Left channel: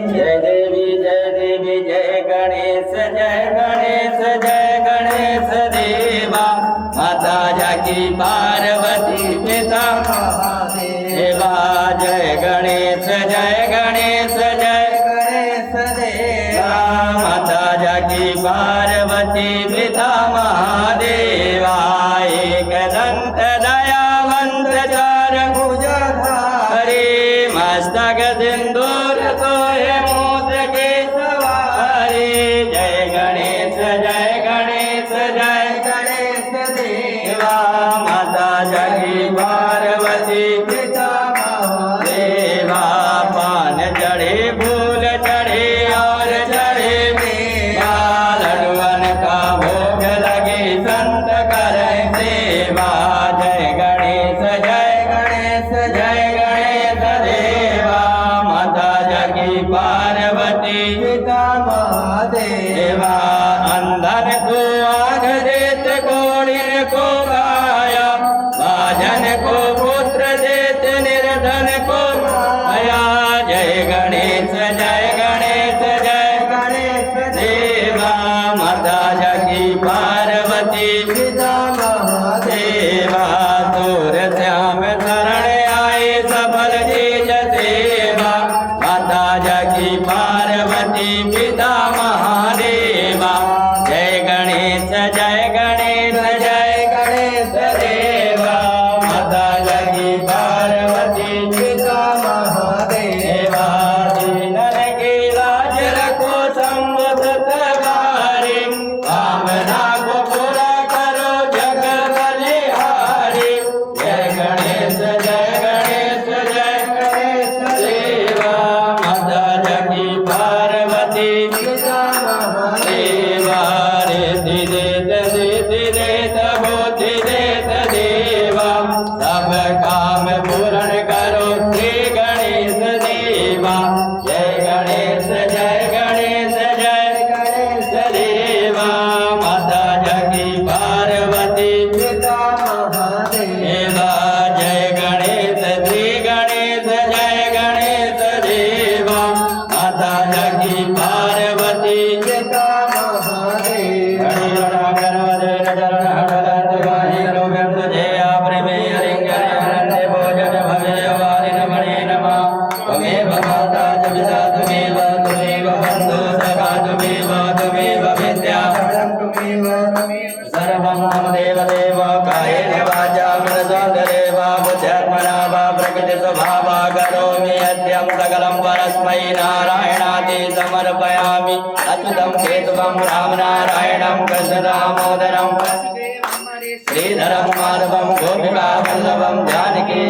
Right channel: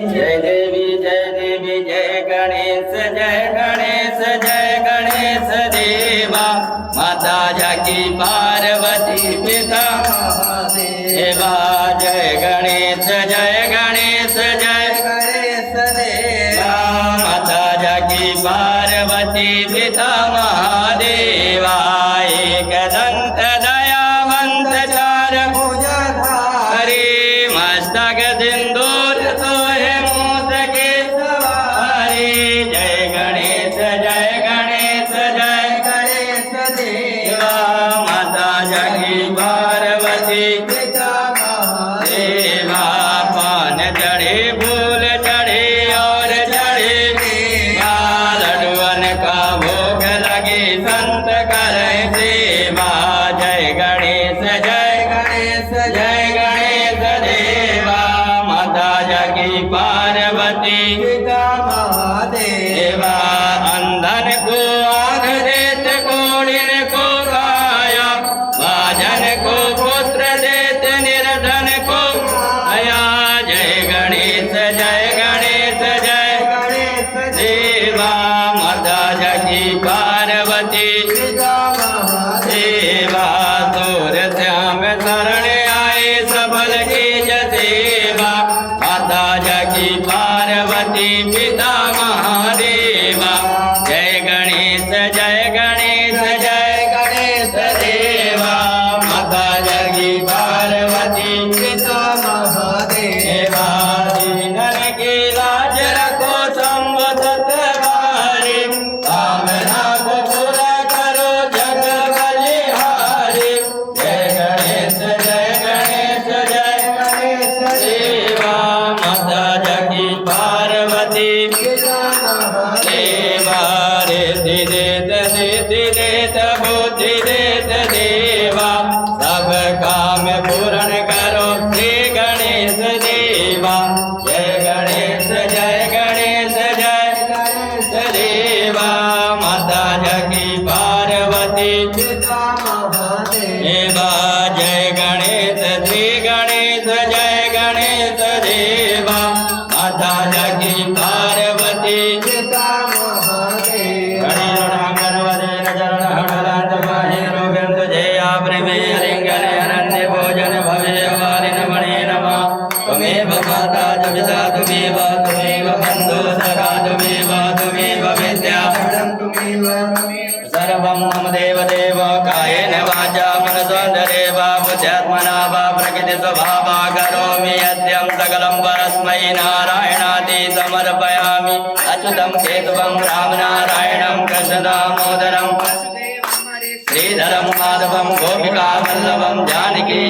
जय देवी जय गणेश देवा माता जाकी पार्वती पिता महादेवा। जय गणेश देवा माता जाकी पार्वती पिता महादेवा। एक दंत दयावंत चार भुजधारी मस्तक सिंदूर सोहे मोत के सवारी। जय गणेश देवा माता जाकी पार्वती पिता महादेवा। पान चढ़े फूल चढ़े और चढ़े लड्डुअन का भोग लगे संत करें सेवा। जय गणेश देवा माता जाकी पार्वती पिता महादेवा। अंधन को आँख देत कोढ़िन को काया भाजन को पुत्र देत निर्धन को आया। जय गणेश देवा माता जाकी पार्वती पिता महादेवा। तोर श्याम शरण आए सबल चीज सेवा माता जाकी पार्वती पिता महादेवा। जय गणेश देवा माता जाकी पार्वती पिता महादेवा। दीनन की लाज रखो संवदत वारी कामना को पूरा करो जग बलिहारी। जय गणेश देवा माता जाकी पार्वती पिता महादेवा। रिद्धि देत बुद्धि देत देवा सब काम पूर्ण करो श्री गणेश देवा। जय गणेश देवा माता जाकी पार्वती पिता महादेवा। जय गणेश देवा माता जाकी पार्वती पिता महादेवा। त्वमेव माता च पिता त्वमेव बन्धु सखा त्वमेव विद्या सर्वं मम देवदेव कायेन वाचा मनसोऽन्तरेवा बुद्ध्यात्मना वा प्रकृतिस्वभावा करोमि यद्यं सकलं परस्मै नारायणाति समर्पयामि। अच्युतं केशवं रामनारायणं कृष्णदामोदरं श्रीधरं माधवं गोपिकावल्लभं जानकी